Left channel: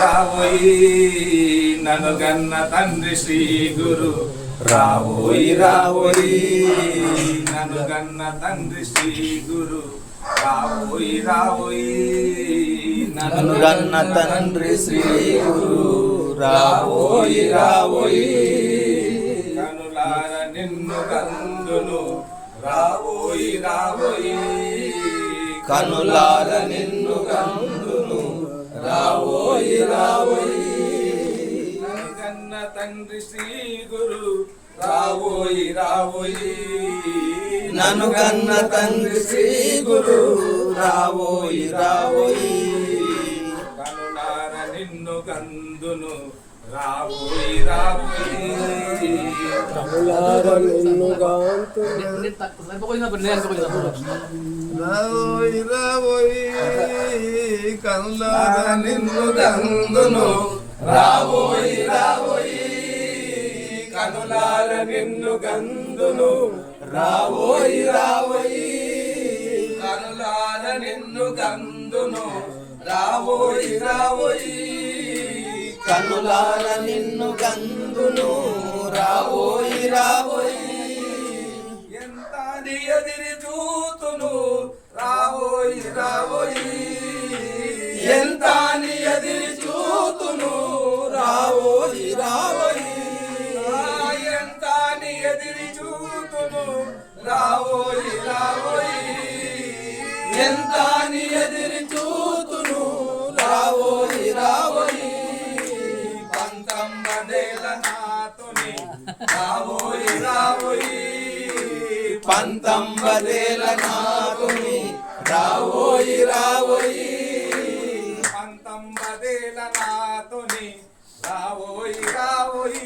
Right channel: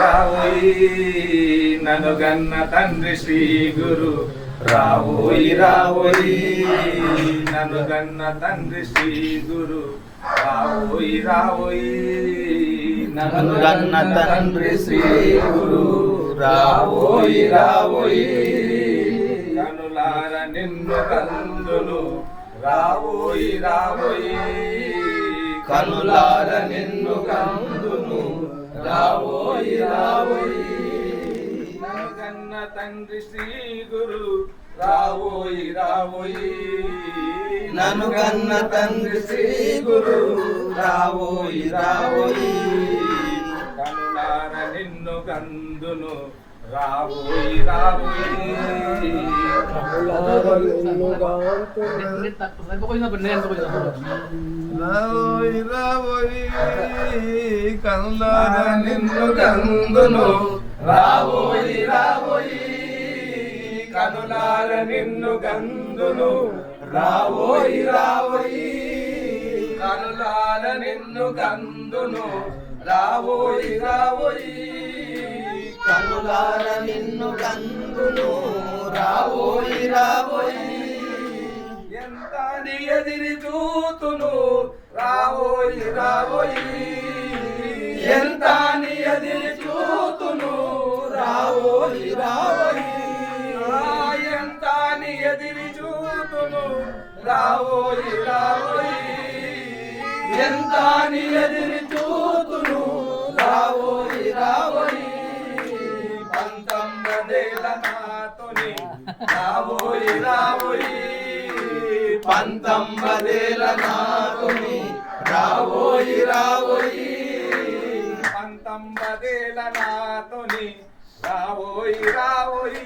రావోయి నన్ను గన్న తండ్రి శ్రీ గురు రావోయి రావోయి నన్ను గన్న తండ్రి శ్రీ గురు రావోయి రావోయి నన్ను గన్న తండ్రి శ్రీ గురు రావోయి రావోయి కనులార నిన్ను కందును రావోయి రావోయి కనులార నిన్ను కందును రావోయి రావోయి కన్న తండ్రి శ్రీ గురు రావోయి రావోయి నన్ను కన్న తండ్రి శ్రీ గురు రావోయి రావోయి కనులార నిన్ను కందును రావోయి రావోయి కనులార నిన్ను గాంతును రావోయి రావోయి కనులార నిన్ను కందును రావోయి రావోయి కనులార నిన్ను కందును రావోయి రావోయి కనులార నిన్ను కందును రావోయి రావోయి కనులార నిన్ను కందును రావోయి రావోయి ఎంత ఎదిరి చూతును రావోయి రావోయి ఎంత ఎదిరి చూతును రావోయి రావోయి ఎంత ఎదిరి చూతును రావోయి రావోయి ఎంత ఎదిరి చూతును రావోయి రావోయి పంతొమ్మిదేల నాతోని రావోయి రావోయి పంతొమ్మిదేల నాతోని రావోయి రావోయి పంతొమ్మిదేల నాతోని రావోయి రావోయి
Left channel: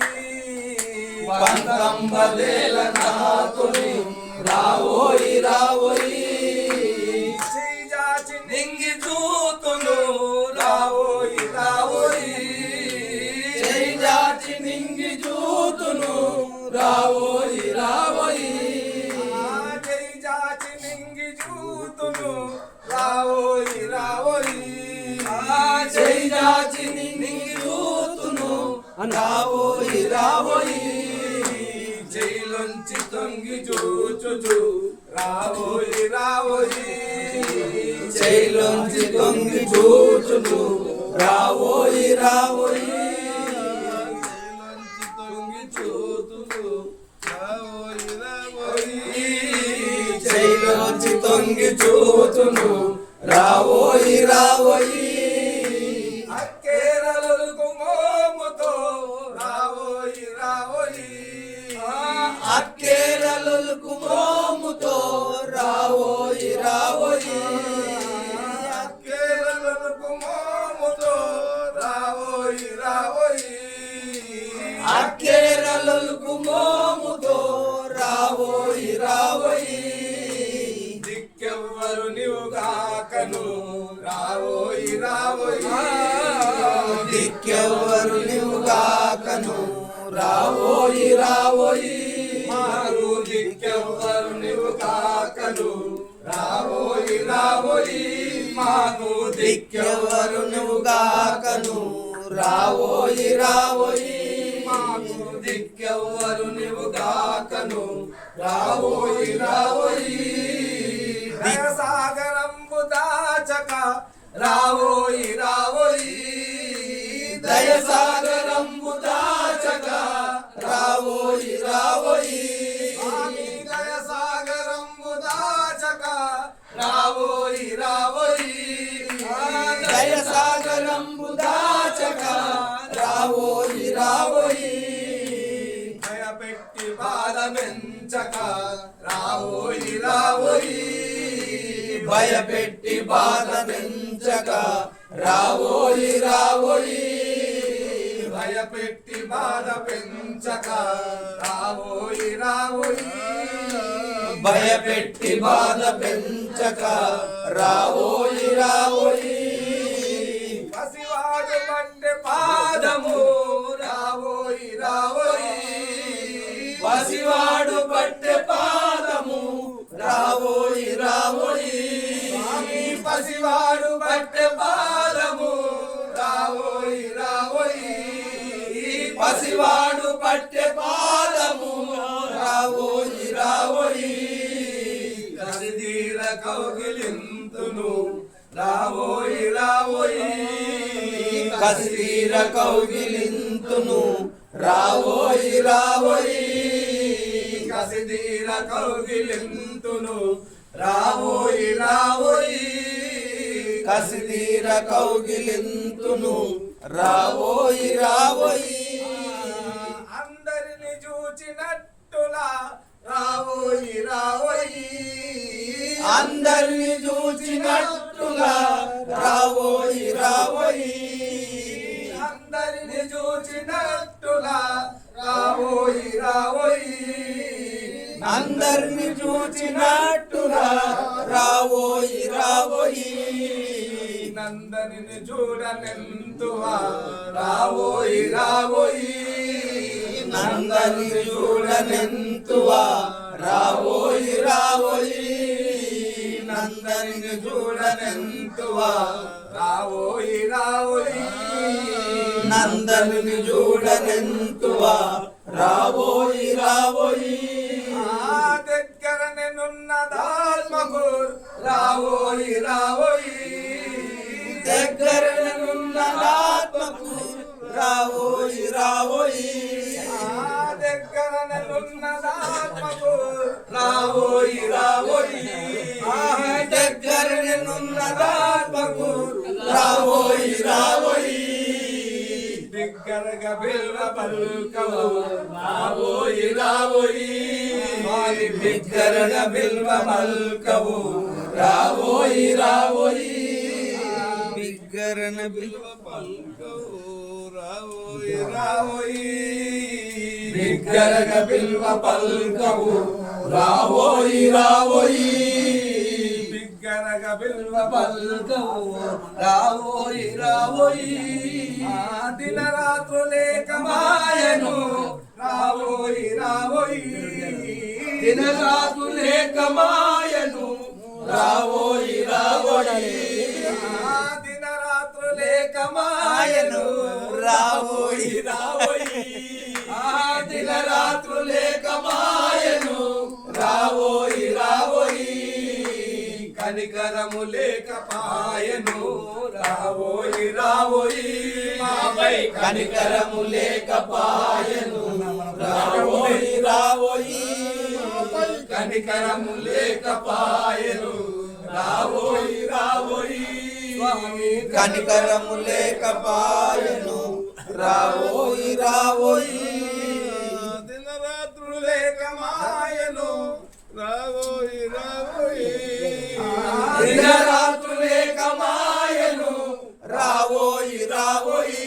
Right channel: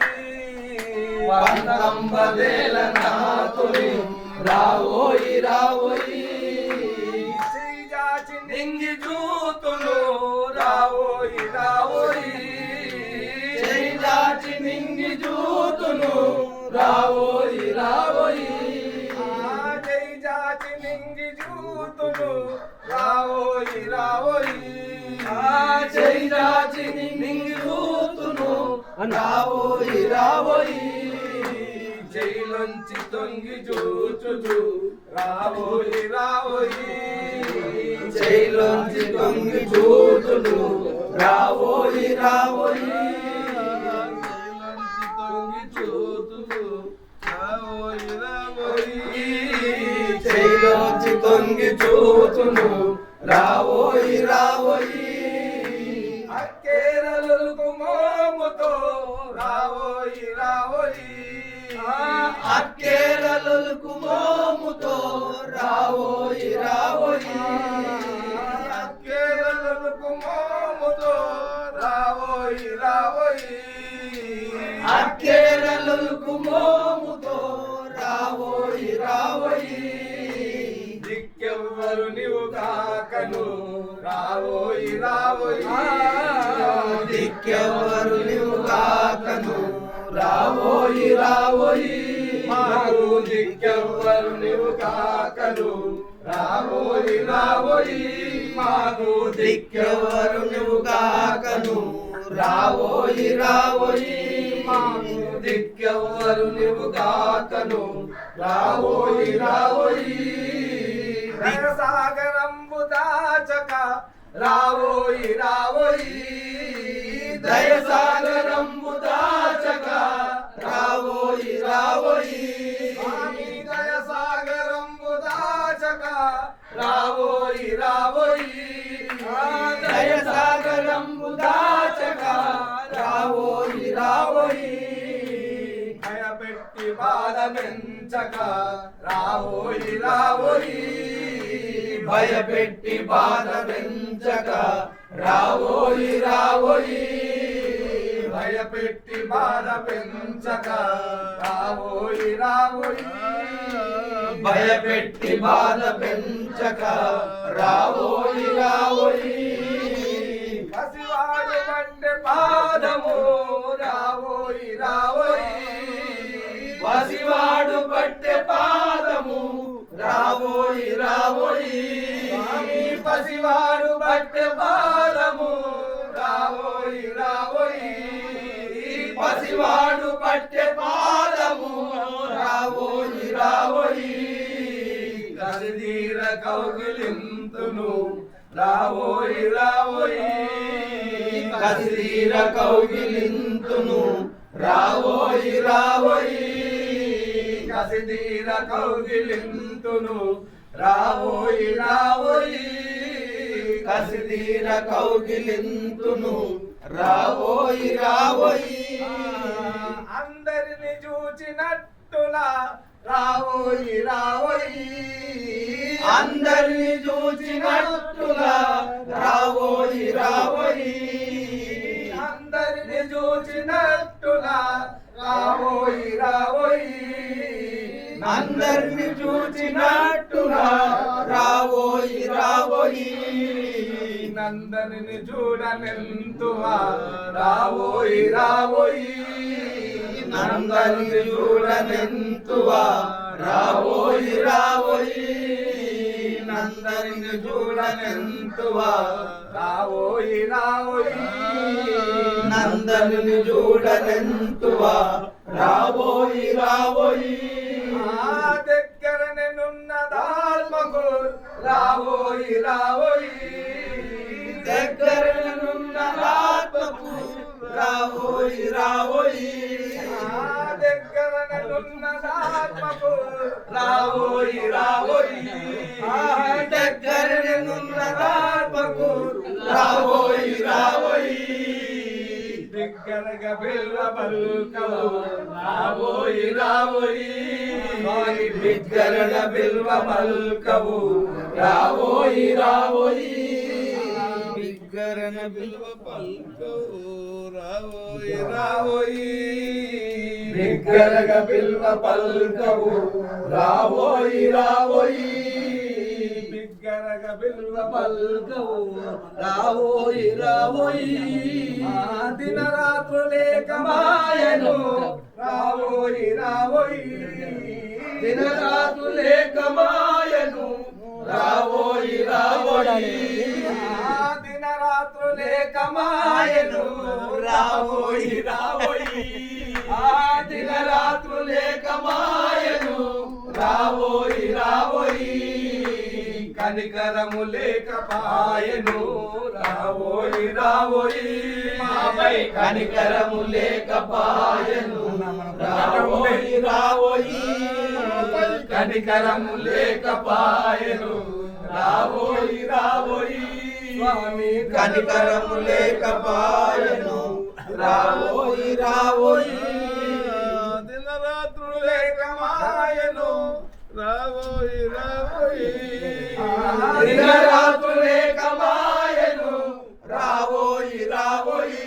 పంతొమ్మిదేల నాతోని రావోయి రావోయి శ్రీజాచి నింగి చూతును రావోయి రావోయి శ్రీజాచి నింగి చూతును రావోయి రావోయి శ్రీజాచి నింగి చూతును రావోయి రావోయి శ్రీజాచి నింగి చూతును రావోయి రావోయి జైలుంచి తొంగి చూచుచు రావోయి రావోయి జైలుంచి తొంగి చూచుచు రావోయి రావోయి తొంగి చూచుచు రావోయి రావోయి జైలుంచి తొంగి చూచును రావోయి రావోయి అక్కేరలకు మోముతో రావోయి రావోయి అక్కేరలకు మోముతో రావోయి రావోయి అక్కేరలకు మోముతో రావోయి రావోయి అక్కేరలకు మోముతో రావోయి రావోయి దిక్కెవ్వరు నీవు కాకను రావోయి రావోయి దిక్కెవ్వరు నీవు కాకను రావోయి రావోయి మారు దిక్కెవ్వరు నీవు కాకను రావోయి రావోయి మాకు దిక్కెవ్వరు నీవు కాకను రావోయి రావోయి మాకు దిక్కెవ్వరు నీవు కాకను రావోయి రావోయి దయసాగరంబు దాచక రావోయి రావోయి దయసాగరంబు దాచక రావోయి రావోయి దయసాగరంబు దాచక రావోయి రావోయి దయసాగరంబు దాచక రావోయి రావోయి భయపెట్టి బాధ పెంచక రావోయి రావోయి భయపెట్టి బాధ పెంచక రావోయి రావోయి భయపెట్టి బాధ పెంచక రావోయి రావోయి భయపెట్టి బాధ పెంచక రావోయి రావోయి పసివాడు కంటే పాదము రావోయి రావోయి పసివాడు పట్టె పాదము రావోయి రావోయి పసివాడు పట్టె పాదము రావోయి రావోయి రావోయి పసివాడు పట్టె పాదము రావోయి రావోయి కసిదీర కౌగిలింతును రావోయి రావోయి కసిదీర కౌగిలింతును రావోయి రావోయి కసిదీర కౌగిలింతును రావోయి రావోయి కసిదీర కౌగిలింతును రావోయి రావోయి అందరిని చూచినట్టులా రావోయి రావోయి అందరిని చూచినట్టుగా రావోయి రావోయి అందరిని చూచినట్టులా రావోయి రావోయి అందరిని చూచినట్టుగా రావోయి రావోయి నందరిని చూడనెంతువా రావోయి రావోయి నందరిని చూడనెంతువా రావోయి రావోయి నందరిని చూడనెంతువా రావోయి రావోయి నందరిని చూడనెంతువా రావోయి రావోయి ఆ దగ్గరనున్న దాల్మకు రావోయి రావోయి దగ్గరనున్న ఆత్మకు రావోయి రావోయి ఆ దగ్గరనున్న దాల్మకు రావోయి రావోయి దగ్గరనున్న ఆత్మకు రావోయి రావోయి దగ్గరగా బిల్వ పలుకవు రావోయి రావోయి వారి బిగ్గరగా బిల్వ మల్కవు రావోయి రావోయి బిగ్గరన బిల్వ పల్కవు రావోయి రావోయి బిగ్గరగా బిల్వ పల్కవు రావోయి రావోయి బిగ్గరగా బిల్వ పల్కవు రావోయి రావోయి దినరాత్రులేక మాయను రావోయి రావోయి దినరాత్రులేక మాయను రావోయి రావోయి దినరాత్రులేక మాయను రావోయి రావోయి దినరాత్రులేక మాయను రావోయి రావోయి కనికరము లేక పాయను రావోయి రావోయి మాపై కనికరము లేక పాయను రావోయి రావోయి కనికరము లేక పాయను రావోయి రావోయి స్వామి కనికరము లేక పాయను రావోయి రావోయి దినరాత్రులేక మాయను రావోయి రావోయి దినరాత్రులేక మాయను రావోయి రావోయి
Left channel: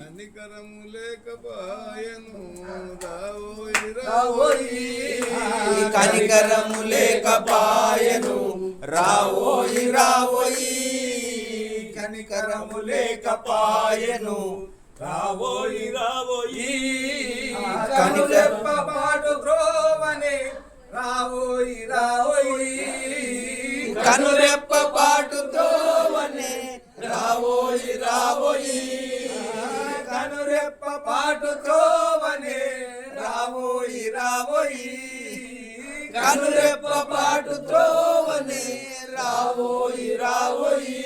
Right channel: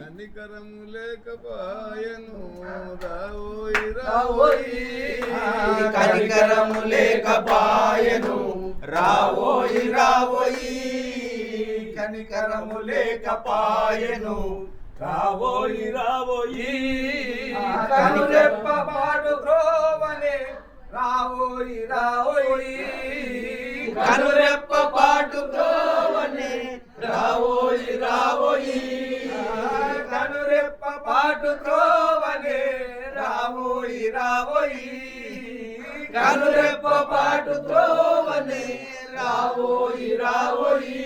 కనికరము లేక పాయను రావోయి రావోయి కనికరము లేక పాయను రావోయి రావోయి కనికరము లేక పాయను రావోయి రావోయి కనురెప్ప పాటు త్రోవనే రావోయి రావోయి కనురెప్ప పాటు త్రోవనే రావోయి రావోయి కనురెప్ప పాటు త్రోవనే రావోయి రావోయి కనురెప్ప పాటు త్రోవనే రావోయి రావోయి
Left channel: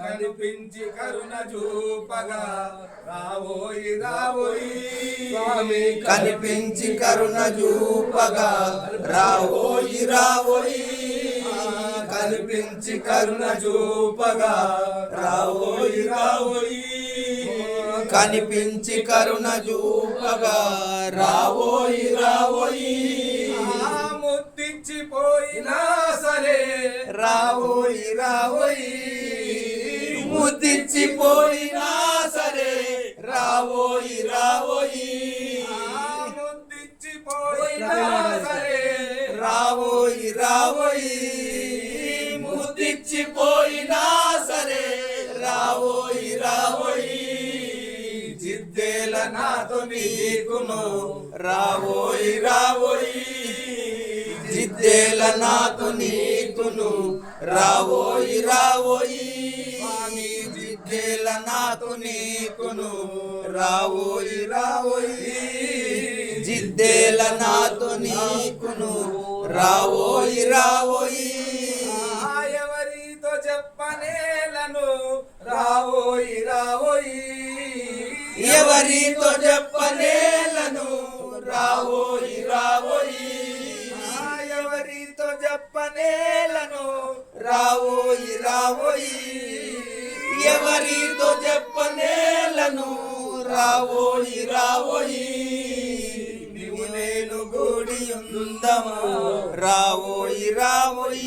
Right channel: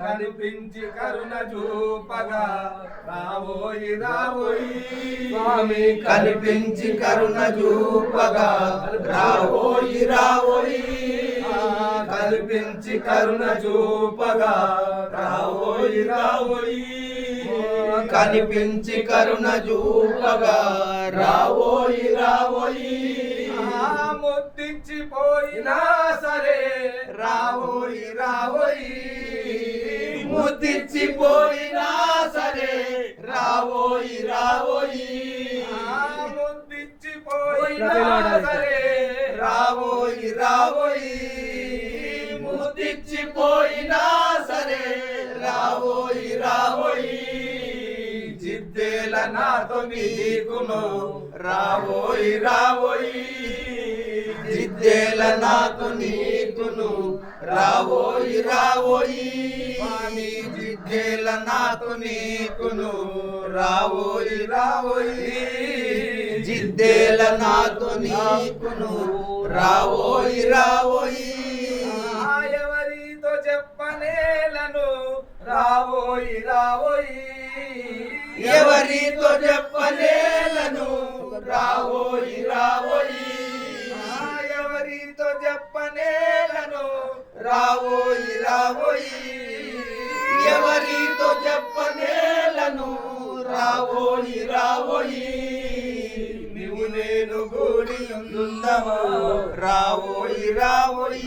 కనిపించి కరుణ చూపగా రావోయి రావోయి స్వామి కనిపించి కరుణ చూపగా రావోయి రావోయి కనిపించి కరుణ చూపగా రావోయి రావోయి కనిపించి కరుణ చూపగా రావోయి రావోయి ముద్దిచ్చిపోయినా సరే రావోయి రావోయి ముద్దిచ్చిపోయినా సరే రావోయి రావోయి ముద్దిచ్చిపోయినా సరే రావోయి రావోయి ముద్దిచ్చిపోయినా సరే రావోయి రావోయి జిద్దేల నాతో నీకును రావోయి రావోయి జిద్దేల నాతో నీకును రావోయి రావోయి జిద్దేల నాతో నీకును రావోయి రావోయి జిద్దేల నాతో నీకును రావోయి రావోయి ఎవరితో చెప్పనేలను రావోయి రావోయి ఎవరితో చెప్పనేలను రావోయి రావోయి ఎవరితో చెప్పనేలను రావోయి రావోయి ఎవరితో చెప్పనేలను రావోయి రావోయి నీవు నేను గూడి ఉందము రావోయి రావోయి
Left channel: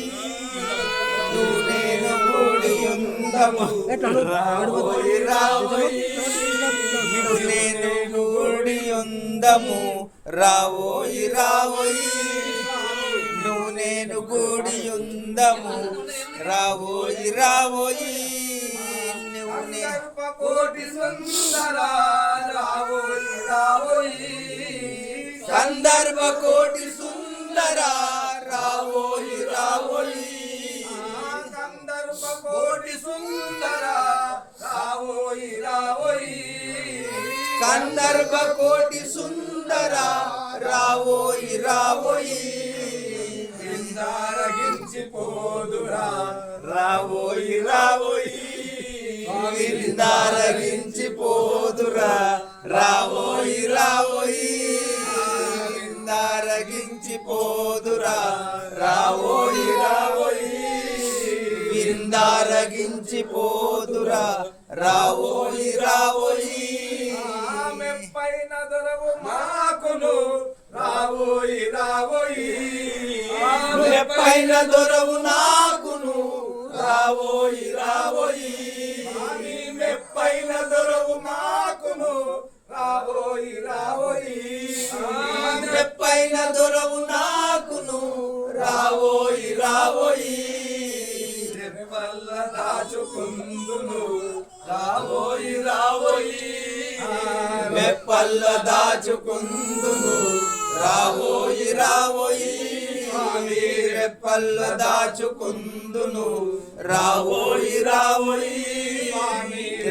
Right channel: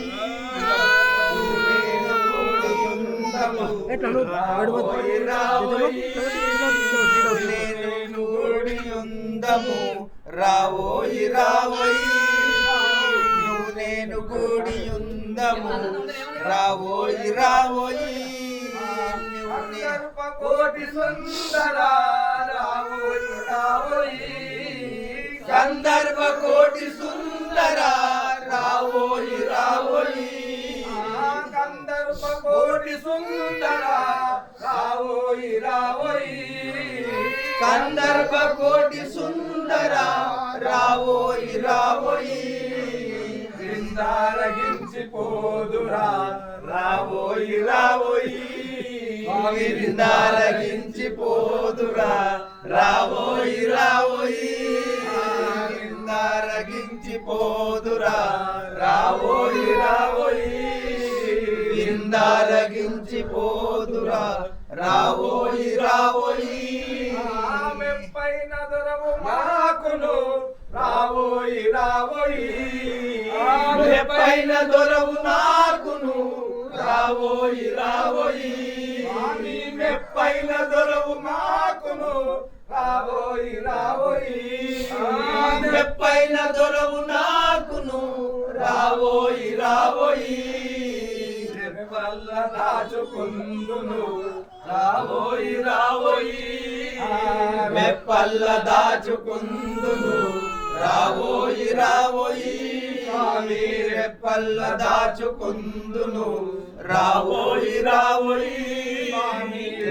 నీవు నేను గూడి ఉందము రావోయి రావోయి నీవు నేను గూడి ఉందము రావోయి రావోయి నువ్వు నేను గూడి ఉందము రావోయి రావోయి కోటి సుందర రావోయి రావోయి సందర్భ కోటి సుందర రావోయి రావోయి సందర్భ కోటి సుందర రావోయి రావోయి సందర్భ కోటి సుందర రావోయి రావోయి విందారగించి పోదురా రావోయి రావోయి విందారగించి పోదురా రావోయి రావోయి విందారగించి పోదురా రావోయి రావోయి విందారగించి పోదురా రావోయి రావోయి మెప్పైన దొరవు మాకును రావోయి రావోయి మెప్పైన దొరవు నాకును రావోయి రావోయి మెప్పైన దొరవు మాకును రావోయి రావోయి మెప్పైన దొరవు నాకును రావోయి రావోయి వల్ల దాచుకుందును రావోయి రావోయి మెప్పల్ల దాచుకుందును రావోయి రావోయి మెప్పల్ల దాచుకుందును రావోయి రావోయి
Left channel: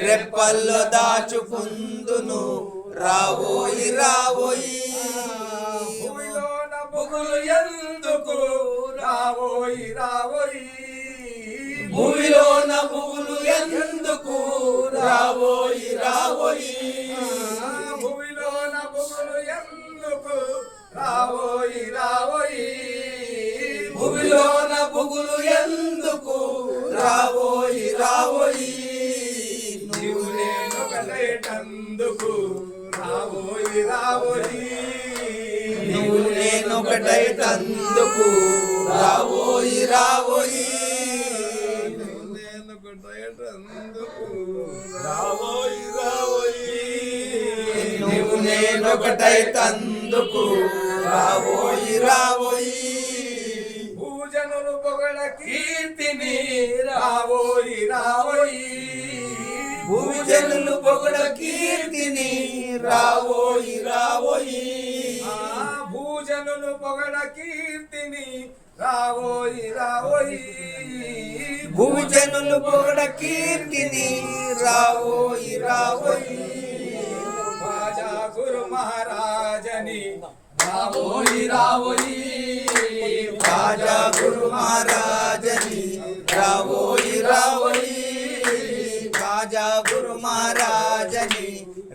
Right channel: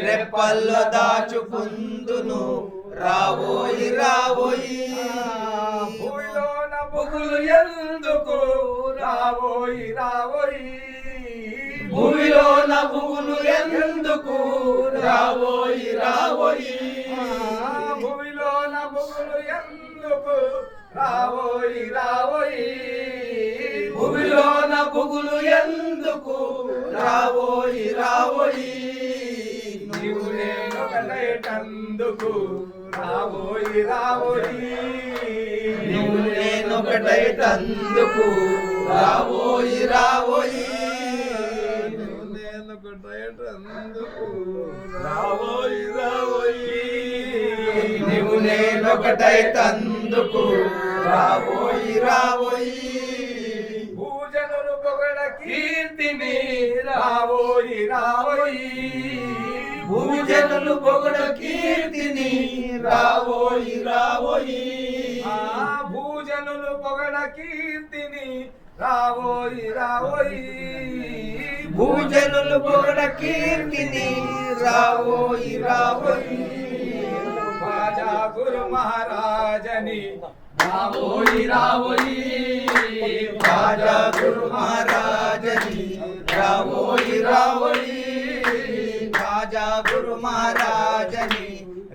రెప్పల్ల దాచుకుందును రావోయి రావోయి భూమిలోన బొగులు ఎందుకు రావోయి రావోయి భూమిలోన భూలు ఎందుకు రావోయి రావోయి భూమిలోన బొగులు ఎందుకు రావోయి రావోయి భూమిలోన బుగులు ఎందుకు రావోయి రావోయి నీవు నేను ఒకటేటందుకు రావోయి రావోయి నీవు నేను ఒకటైతందుకు రావోయి రావోయి నేను ఒకటేటందుకు రావోయి రావోయి నీవు నేను ఒకటైతందుకు రావోయి రావోయి భూజనులు పొగడ కీర్తిని రావోయి రావోయి భూజనులు పొగడ కీర్తిని రావోయి రావోయి భూజనులు పొగడ కీర్తిని రావోయి రావోయి భూజనులు పొగడ కీర్తిని రావోయి రావోయి రాజా గురు మహారాజని రావోయి రావోయి రాజా గురు మహారాజని రావోయి రావోయి రాజా గురు మహారాజని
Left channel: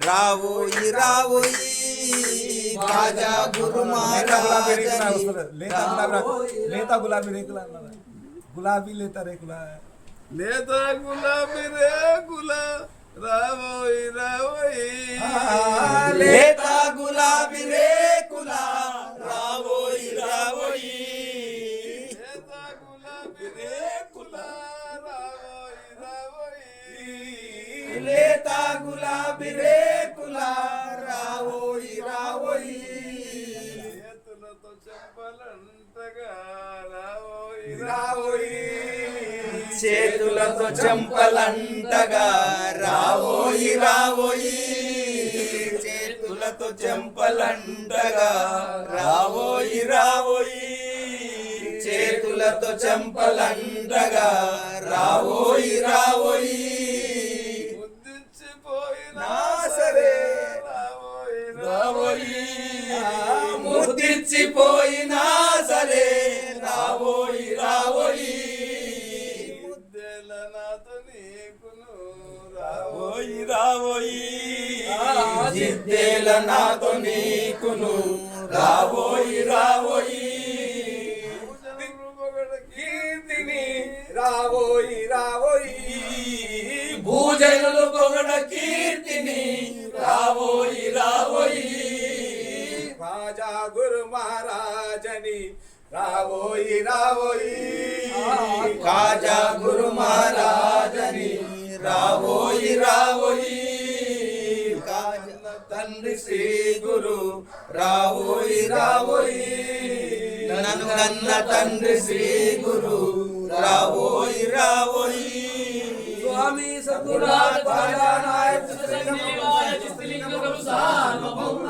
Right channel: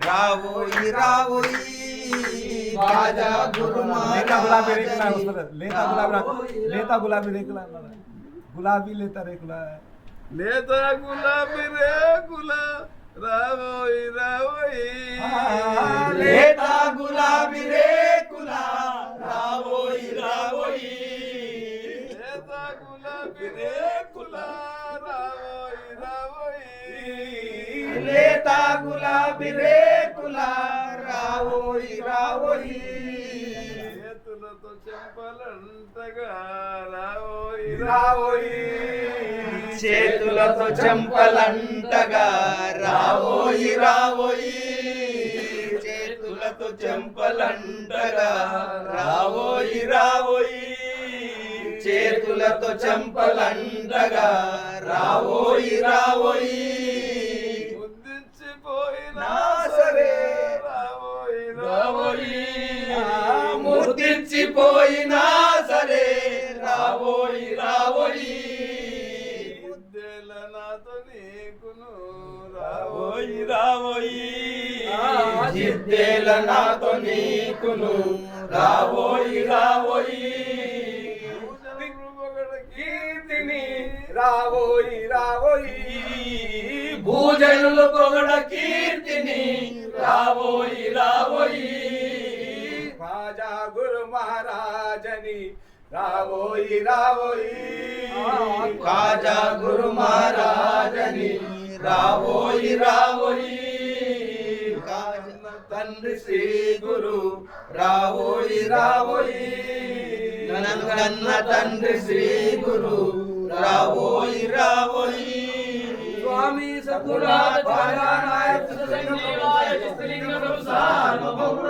రావోయి రావోయి రాజా గురు మహారాజని లేతా గులాబీ రేకుల గులాబీ లేతా రేకుల లేతా గులాబీ రేకుల రావోయి రావోయి లేతా గులాబీ రేకుల రావోయి రావోయి లేతా గులాబీ రేకుల రావోయి రావోయి లేతా గులాబీ రేకుల రావోయి రావోయి చేతులతో చెంపలంటగా రావోయి రావోయి చేతులతో చెంపలంటగా రావోయి రావోయి చేతులతో చెంపలంటగా రావోయి రావోయి చేతులతో చెంపలంటగా రావోయి రావోయి నాతో నీకును రావోయి రావోయి కీర్తిని రావోయి రావోయి భూజనులు పొగడ కీర్తిని రావోయి రావోయి రాజా గురు మహారాజని రావోయి రావోయి కాజా గురు మహారాజని రావోయి రావోయి తండ్రి శ్రీ గురు రావోయి రావోయి నన్న తండ్రి శ్రీ గురు రావోయి రావోయి స్వామి సద్గురు నాయక